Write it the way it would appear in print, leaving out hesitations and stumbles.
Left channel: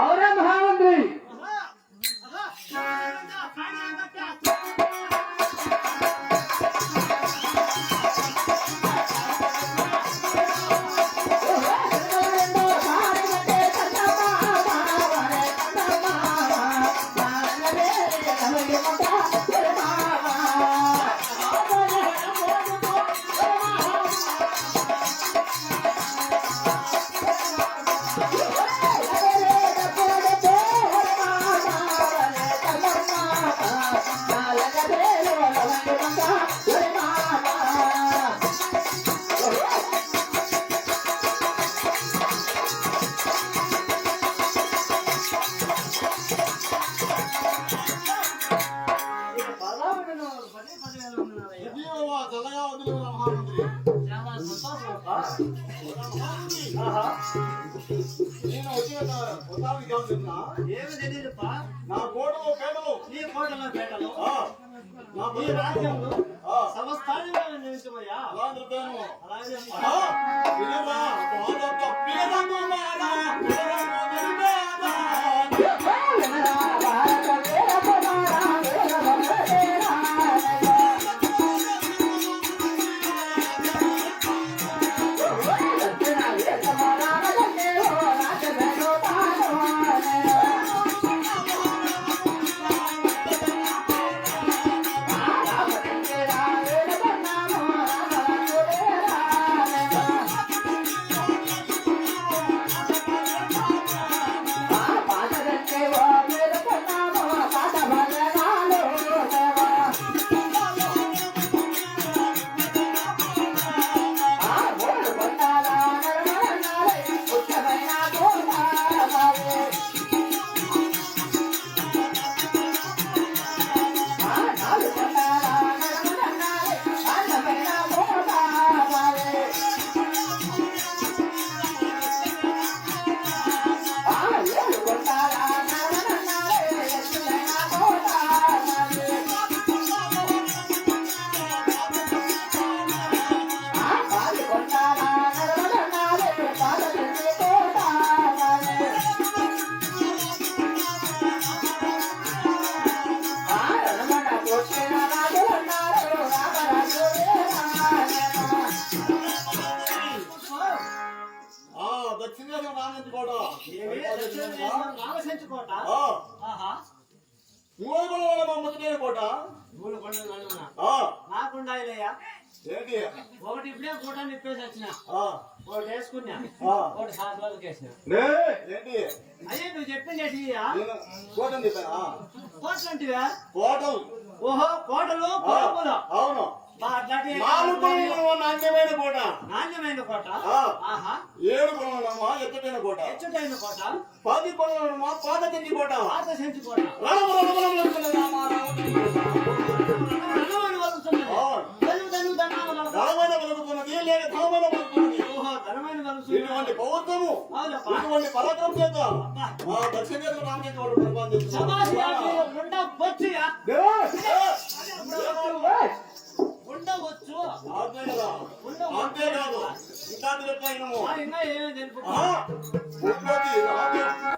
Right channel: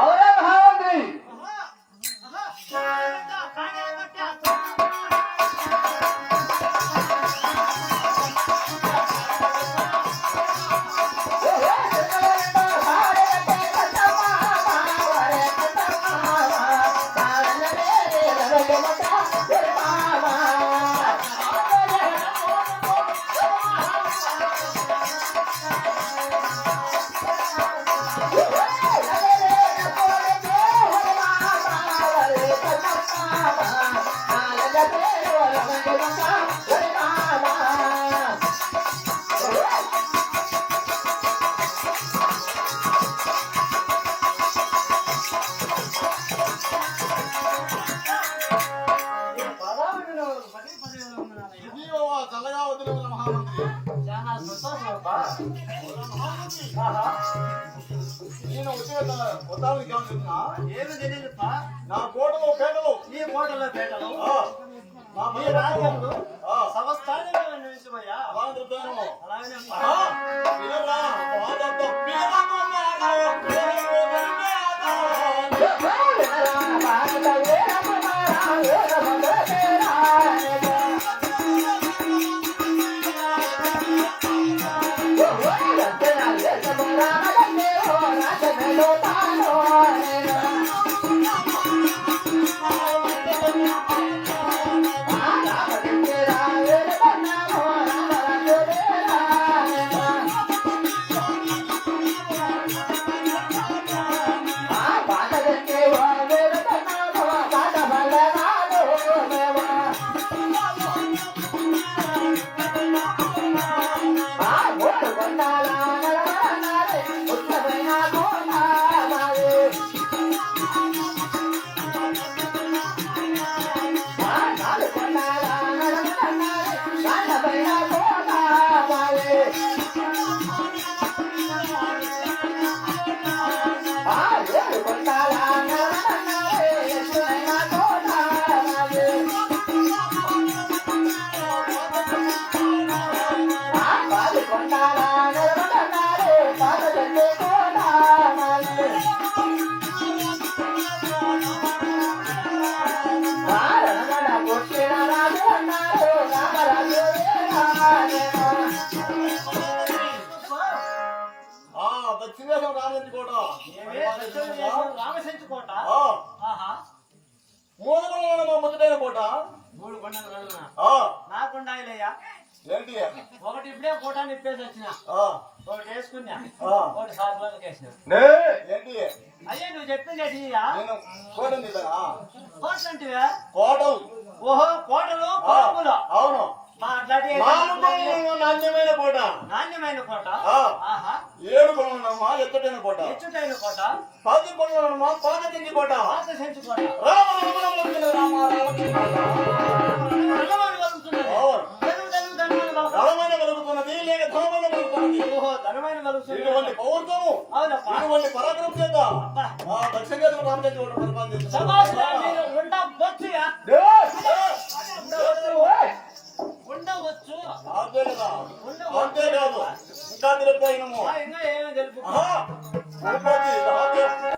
ಅವರೇ ಮಹಾಮಂತ್ರಿ చల్లగా వదిలి మహామంత్రి. చాలా సంతోషం అబ్బా. నేను వచ్చిన ఉత్తానికి ఏమని చెప్పినా ఏమి తెలియదు నా కోటలు పేటలు ఈ కోటలో పేటలు నా ఈ రాజ్యంలో సంస్థానంగా నిర్మించబోయా అలా చెప్తాను. అలాగే దక్షిణేశం రామచంద్రకోట రామచంద్రకోట ముద్దటైన కోట 3 కొండలు నడుమున నాకుండాయిలయ్యా. ఏంటి ఒకటి ఇప్పుడే కోట నిప్పేసి వచ్చిన ఒకటి వేసుకున్నా ఒకటి సాకులకు వేసిన. ఏంటి అయ్యా నువ్వు చెప్పింది కోటం చెప్పానా? కోటలు అంటివా? కోటం. ఓహో కోటలు అవును. నాణ్యమైన కోట. నాణ్యమైన కోట. 7 కొనమా ఎచ్చటైన కోట. ఎచ్చటైన కోట. 10 కొనమా పాత చెంచి కోట. పాత చెంచి కోట. ధనమైన వెలుగుతున్నది లేక ధనమైన వెలుగుతున్నది. ధనమైన వెలుగుతున్నది. ఇటువంటి పౌర్ణము ఇటువంటి పరాక్రమం చేత మా దక్షిణ రామచంద్ర కోట పరిపాలన ఉండవచ్చు అంతే కదా. అంతేకాదు ఇంకా తెలుపుతాయినము ఇంకా ఏమేమి తెలుపు